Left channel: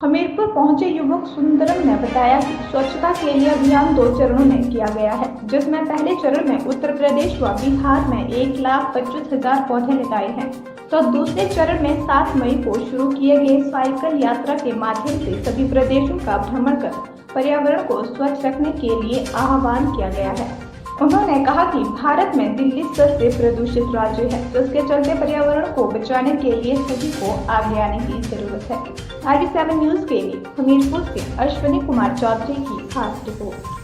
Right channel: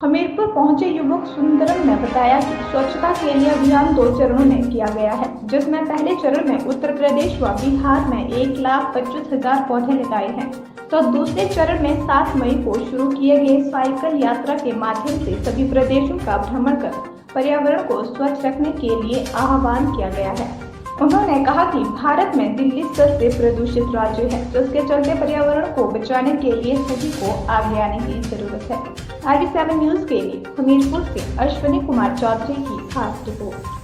हमीरपुर पहुंचे युवक सुंदरम ने बताया कि स्वच्छता के लिए अभियान 2 चरणों में किया गया है, जिसमें पहले चरण में उत्तर प्रदेश व बिहार में 1,25,000 पौधे लगाए हैं, तो दूसरे चरण में 7 मई को शुरू किए गए साइकिल यात्रा के माध्यम से सभी प्रदेशों का भ्रमण कर पर्यावरण को स्वच्छ रखने के लिए आह्वान किया गया है। उन्होंने कहा कि भारत में दिल्ली सबसे प्रदूषित राज्य है, जिसके चलते पर्यावरण को बचाने के लिए सभी को आगे आने की जरूरत है। RD7 न्यूज के लिए हमीरपुर से अश्विनी कुमार चौधरी की खास रिपोर्ट।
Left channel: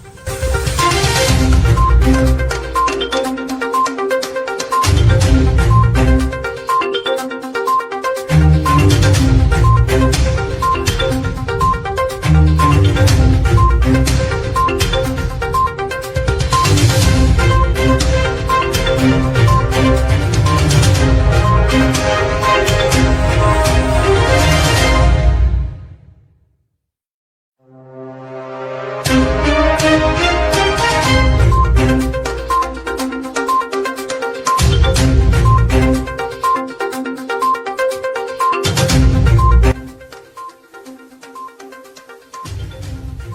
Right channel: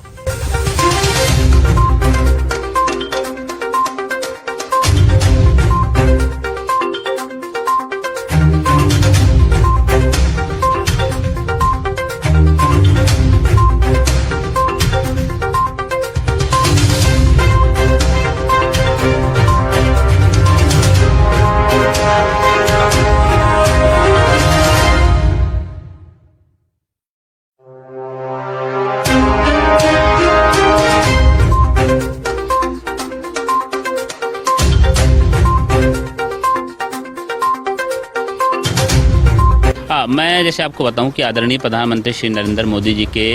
मैं जैसे आपको बताऊं कि आदरणीय प्रधानमंत्री श्री नरेंद्र मोदी जी के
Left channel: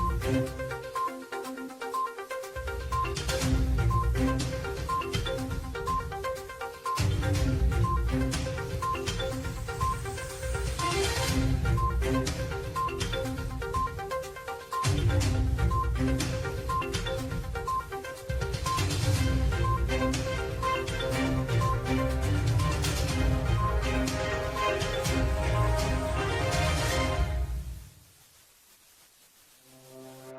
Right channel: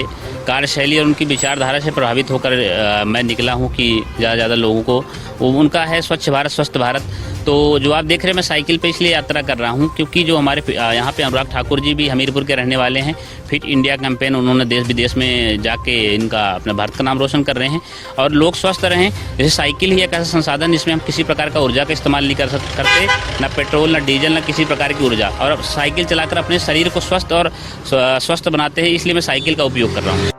कार्यशैली और उनकी विचारधारा से प्रभावित होकर मैं निकला हूं कि ज़्यादा लोगों को वो उनका है स्वच्छ भारत स्वस्थ भारत। तो जो आप देख रहे हैं मैं साइकिल पे इसलिए यात्रा कर रहा हूं क्योंकि जो हमारे यहाँ पे अनुराग ठाकुर जी भी हमीरपुर के रहने वाले हैं। फिट इंडिया कैंपेन उन्होंने देश विदेश में जाके इनका अपने भारत का नाम रोशन कर रहे हैं और लोग स्वस्थ रहें। जैसे साइकिल ही एक ऐसा संसाधन जिसमें हम किसी प्रकार का ऊर्जा का इस्तेमाल नहीं करते, ना पेट्रोल ना डीजल ना किसी प्रकार की ऊर्जा, और साइकिल चलाकर अपने शरीर को स्वस्थ और स्वस्थ बनाते हैं, इसलिए मैं साइकिल का उपयोग कर रहा हूँ।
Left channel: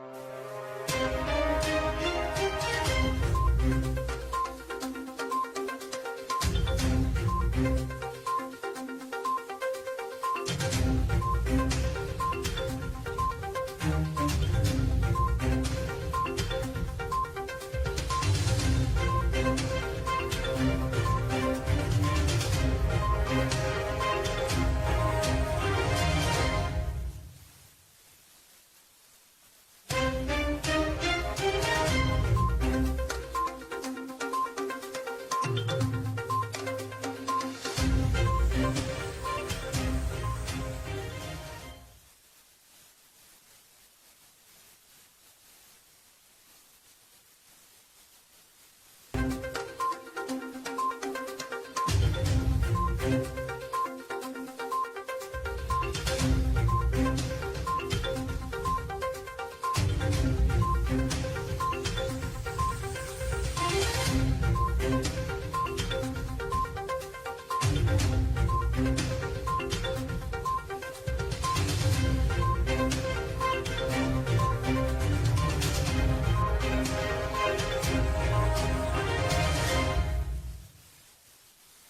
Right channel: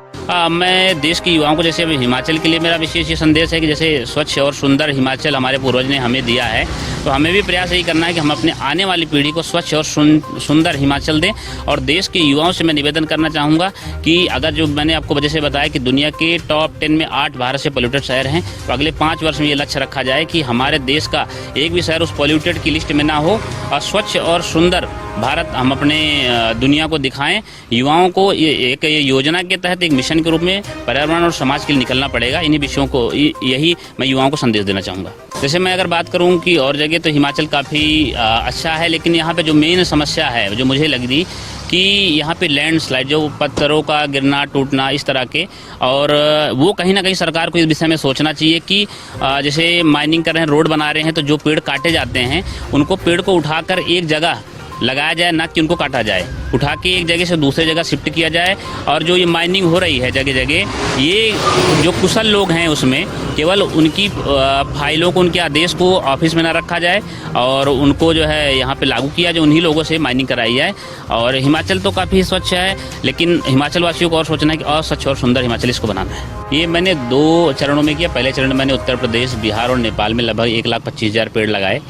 मैं देश के युवाओं को जैसे अभी हिमाचल के लिए मेरा विशेष ये संदेश है कि जैसे स्वच्छ और सुंदर हिमाचल हमारे पूर्वज ने हमें दिया है, तो हमें भी प्रयास यही करना है कि हम अपने आने वाली पीढ़ी को स्वच्छ और सुंदर हिमाचल दें। और देश के युवाओं से मैं निवेदन करना चाहूँगा कि अगर जो मैंने आपको जैसे बताया कि दुनिया के टॉप 10 में 8 भारत से पोल्यूटेड शहर हैं, तो अगले 5 वर्ष में ये लक्ष्य रखा जाए कि हमारे देश का एक भी शहर उस पोल्यूटेड की लिस्ट में ना हो और स्वच्छ और सुंदर भारत हम अपने दुनिया को दिखाएं। युवाओं को ये योजना के तहत एक मिशन के रूप में पर्यावरण और समाज के लिए निकलना पड़ेगा। इन्हीं विषयों को यही मैं युवाओं को संदेश देना चाहूँगा। जैसे मैं अगर बात करूँ कि और जगह तो हिमाचल काफ़ी अच्छा है, लेकिन यहाँ पे जो मेन समस्या है जो मुझे लग रही कि यहाँ पे लैंडस्लाइड जो पत्थरों का गिरना टूटना इस तरह के, और वो कहीं ना कहीं सरकार को इस विषय में सोचना चाहिए कि जैसे माइनिंग कर रहे हैं, रोड बना रहे हैं, तो जो पेड़ काटे जाते हैं उनको पेड़ को उठाकर एक जगह लगाया जाए, ना कि उनको काटा जाए, उठा के एक जगह से दूसरे जगह शिफ्ट किया जाए। और जो ये माइनिंग हो रही है जगह जगह, ये जो कुशल लोग हैं उसमें केवल उनकी फाइलों को, उनके आदेश को ऑफिस में ना रखा जाए और उनको जो है यहाँ पे लागू किया जाए, उन्हीं लोगों से माइनिंग कराई जाए। और हिमाचल तो काफ़ी स्वच्छ है, लेकिन हिमाचल वासियों को और सोचना है कि और स्वच्छ और सुंदर हिमाचल इसको बनाना है। ये मैंने 2 चरणों में किया। पहले चरण में मैंने उत्तर प्रदेश, बिहार और नेपाल में लगभग 1,25,000 पेड़ लगाए,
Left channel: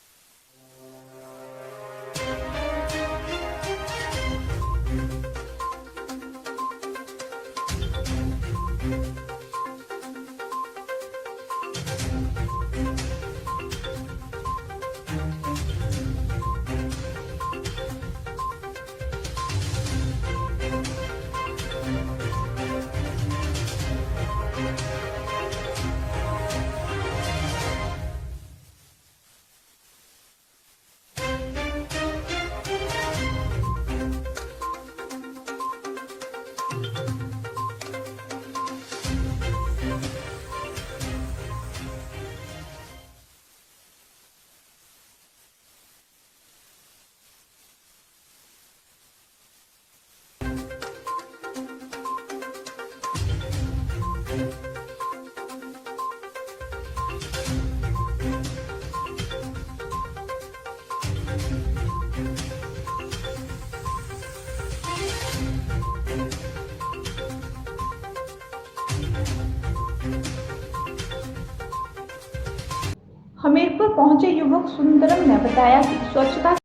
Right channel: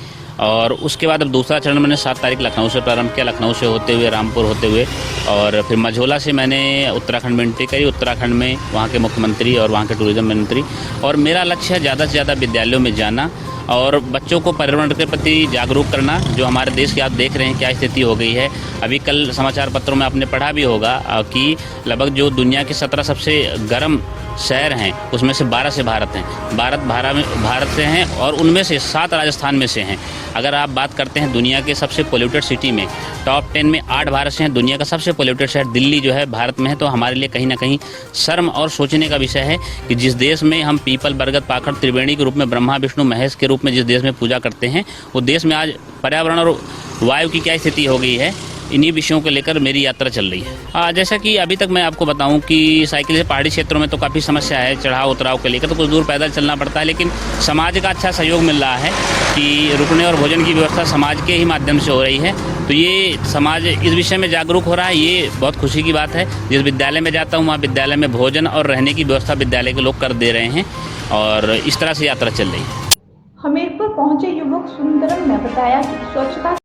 और उसके बाद अब दूसरा चरण मैंने 7 तारीख लखनऊ से प्रारंभ किया, लखनऊ से होते हुए रामपुर होते हुए, और फिर मझोला से मैंने उत्तराखंड में एंट्री करी। उत्तराखंड में वहाँ के मुख्यमंत्री और वहाँ के टूरिज्म मंत्री, और मेरा लक्ष्य है ज़्यादा से ज़्यादा विद्यालयों में जाना और बच्चों को पर्यावरण के प्रति जागरूक करना। जो हमारे देश की आप देख रहे हैं क्या स्थिति हो गई है। अभी कल समाचार पत्रों में आपने पढ़ा भी होगा कि लगभग जो दुनिया के 17 सबसे गर्म शहर हैं उसमें से 12 से भारत हैं, भारत से हैं, और उनमें से 7 राजस्थान में से हैं। अगर आप बात करते हैं दुनिया के सबसे पोल्यूटेड सिटी में, टॉप 10 में 8 भारत से हैं। दुनिया का सबसे पोल्यूटेड शहर दिल्ली जो है भारत में है। तो हमारे लिए कहीं ना कहीं शर्म और सोचने का विषय है कि जिस देश में हम पीपल, बरगद, पाखड़, त्रिवेणी के रूप में, ब्रह्मा विष्णु महेश के रूप में जिस देश में पूजा करते हैं, वो देश में आज पर्यावरण और वायु की क्या स्थिति हो गई है। इन्हीं विषयों को लेकर मेरी यात्रा चल रही है। जैसा कि अभी तक मैं आपको बताऊं कि साइकिल से पहाड़ी क्षेत्रों में तो काफ़ी समस्या है, चढ़ाव उतराव के लेकर तो कुछ दूर पैदल चलना पड़ता है, लेकिन समाज का अच्छा सहयोग मिल रहा है कि रुकने और भोजन की व्यवस्था समाज के ही माध्यम से हो रही है। तो ये समाज इस विषय में जागरूक हो रहा है, ये बहुत खुशी की बात है। जिस विद्यालय में जाता हूँ वहाँ विद्यालय में भोजन और रहने की व्यवस्था विद्यालय के लोग कर दे रहे हैं, और इस तरह से यात्रा चल रही है। हमीरपुर पहुंचे युवक सुंदरम ने बताया कि स्वच्छता